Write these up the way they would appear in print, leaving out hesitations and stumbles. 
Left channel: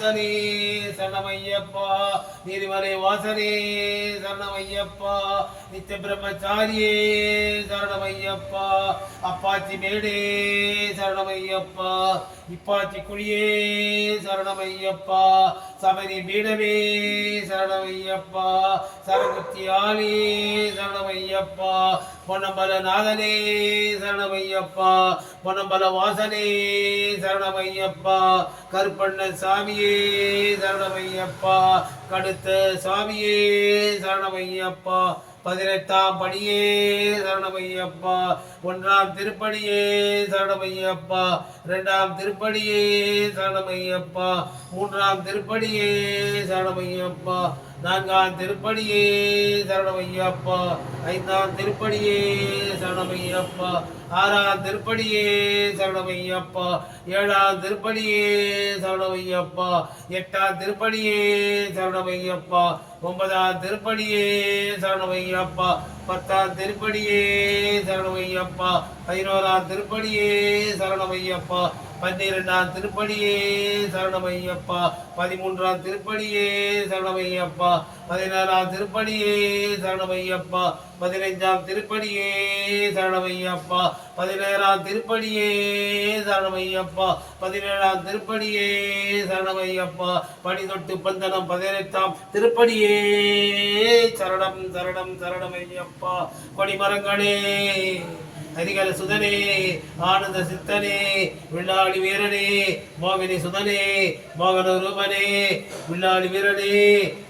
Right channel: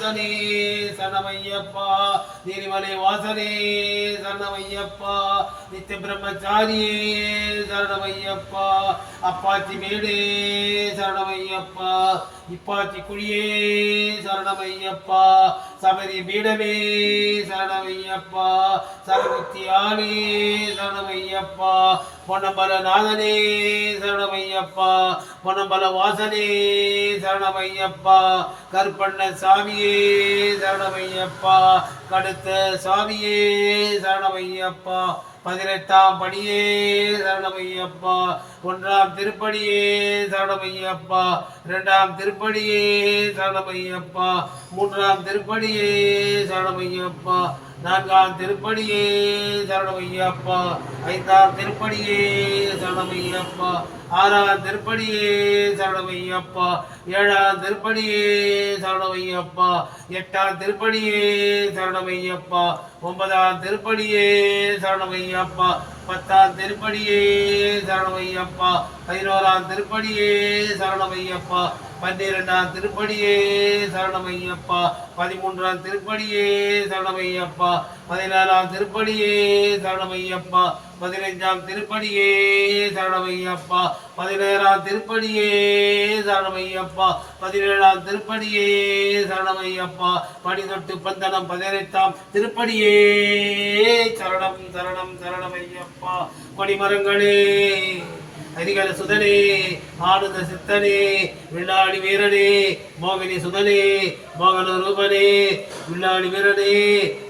மூர்த்தனே சரணமையப்பா நீரிமலை வாசனே சரணமையப்பா நித்திய பிரம்மச்சாரியே சரணமையப்பா அப்பாச்சி மேடே சரணமையப்பா இப்பாச்சி குழியே சரணமையப்பா சபரி பீடமே சரணமையப்பா சரமுத்தி ஆளே சரணமையப்பா பொன்னம்பல நாதனே சரணமையப்பா பொன்னம்பல வாசனே சரணமையப்பா கருப்பண்ண சாமியே சரணமையப்பா கடுத்த சாமியே சரணமையப்பா 18ஆம் படியே சரணமையப்பா 1ஆம் திருப்படியே சரணமையப்பா 2ஆம் திருப்படியே சரணமையப்பா 3ஆம் திருப்படியே சரணமையப்பா 4ஆம் திருப்படியே சரணமையப்பா 5ஆம் திருப்படியே சரணமையப்பா 6ஆம் திருப்படியே சரணமையப்பா 7ஆம் திருப்படியே சரணமையப்பா 8ஆம் திருப்படியே சரணமையப்பா 9ஆம் திருப்படியே சரணமையப்பா 10ஆம் திருப்படியே சரணமையப்பா 11ஆம் திருப்படியே சரணமையப்பா 12ஆம் திருப்படியே சரணமையப்பா 13ஆம் திருப்படியே சரணமையப்பா 14ஆம் திருப்படியே சரணமையப்பா 15ஆம் திருப்படியே சரணமையப்பா 16ஆம் திருப்படியே சரணமையப்பா 17ஆம் திருப்படியே சரணமையப்பா படி தொட்டு பந்தனம் 18ஆம் திருப்படியே சரணம் சரணம் சரணமையப்பா கொடிமரங்களே ஹரிகர சுதனே ஆனந்த சித்தனே வில்லாளி வீரனே மோகினி சுதனே மோகன ரூபனே வில்லாளி வீரனே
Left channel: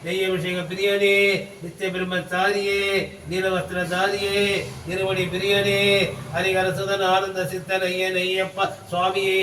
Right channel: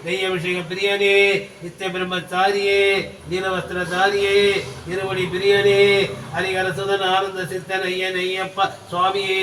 நெய்யபிஷேக பிரியனே நித்திய பிரம்மச்சாரியே நீலவஸ்திரதாரியே இருவடி பிரியனே ஹரிகர சுதன் ஆனந்த சித்தன் ஐயன் ஐயப்பா சுவாமியே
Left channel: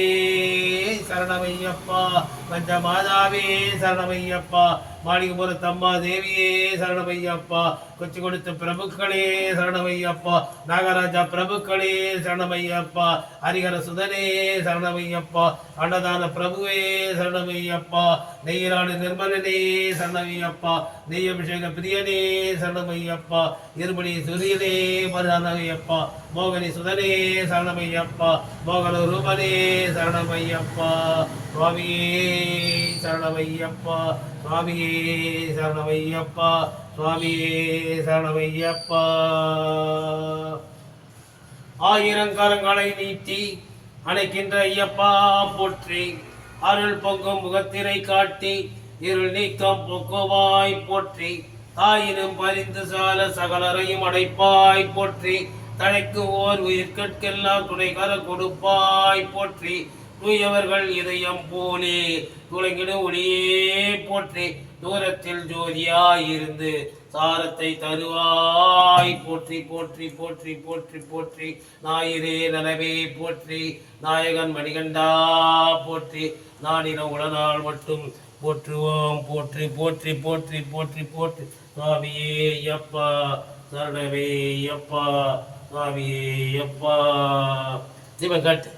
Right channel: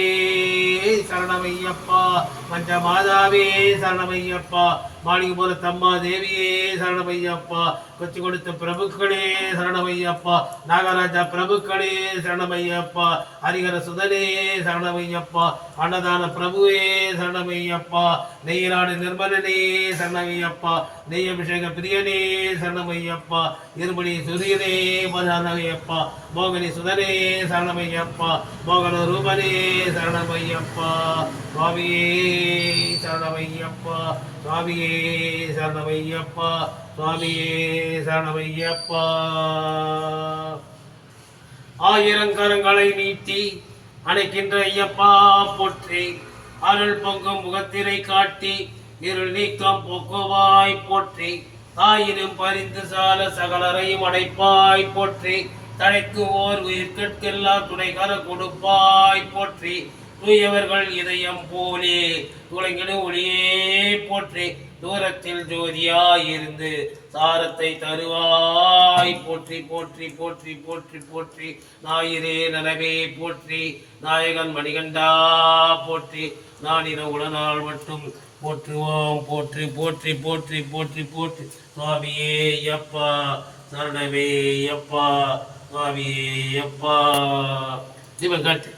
சரணமையப்பா பஞ்சமாதாவே சரணமையப்பா மாளிகைபுர தம்மா தேவியே சரணமையப்பா கொச்சி கொடுத்த பிரபுக்களே சரணமையப்பா நாகராஜா பிரபுக்களே சரணமையப்பா ஹரிகர சுதனே சரணமையப்பா அன்னதான பிரபுவே சரணமையப்பா நெய்யராடு நிர்மலனே சரணமையப்பா நெய் அபிஷேக பிரியனே சரணமையப்பா இருபடி சூரியனே சரணமையப்பா மோகினி சுதனே சரணமையப்பா மோகன ரூபனே சரணமையப்பா சுவாமியே சரணமையப்பா சுவாமியே சரணமையப்பா சுவாமியே சரணமையப்பா ஆயிரங்கரங்களை நீட்டி அணைக்கின்ற ஐயப்பா போற்றி அருள் பொங்கும் முகத்தினை காட்டி இருள் நீக்கம் போக்குவாய் போற்றி தாயினும் பரிந்து சால சகலரையும் அடைப்பாய் போற்றி தழைக்கு ஓர் உயிர்கட்கெல்லாம் துணைகர கொடுப்பாய் போற்றி தூயவர்கள் இதயம் போலே துளைங்கிடும் ஒளியே போற்றி தூரத்தில் ஜோதியாயிருந்து சாரத்தை தருவாய் போற்றி போற்றி போற்றி போற்றி போற்றி ஞாயிறே நலவே போற்றி நாயகன் மணிகண்டா போற்றி நானின உடனாள் மட்டும் போற்றுவோம் போற்றி போற்றி போற்றி போற்றி போற்றி சுவாமியே அப்பா சரணமே அப்பா சுவாமியே அப்பா ஜீவன் காட்டு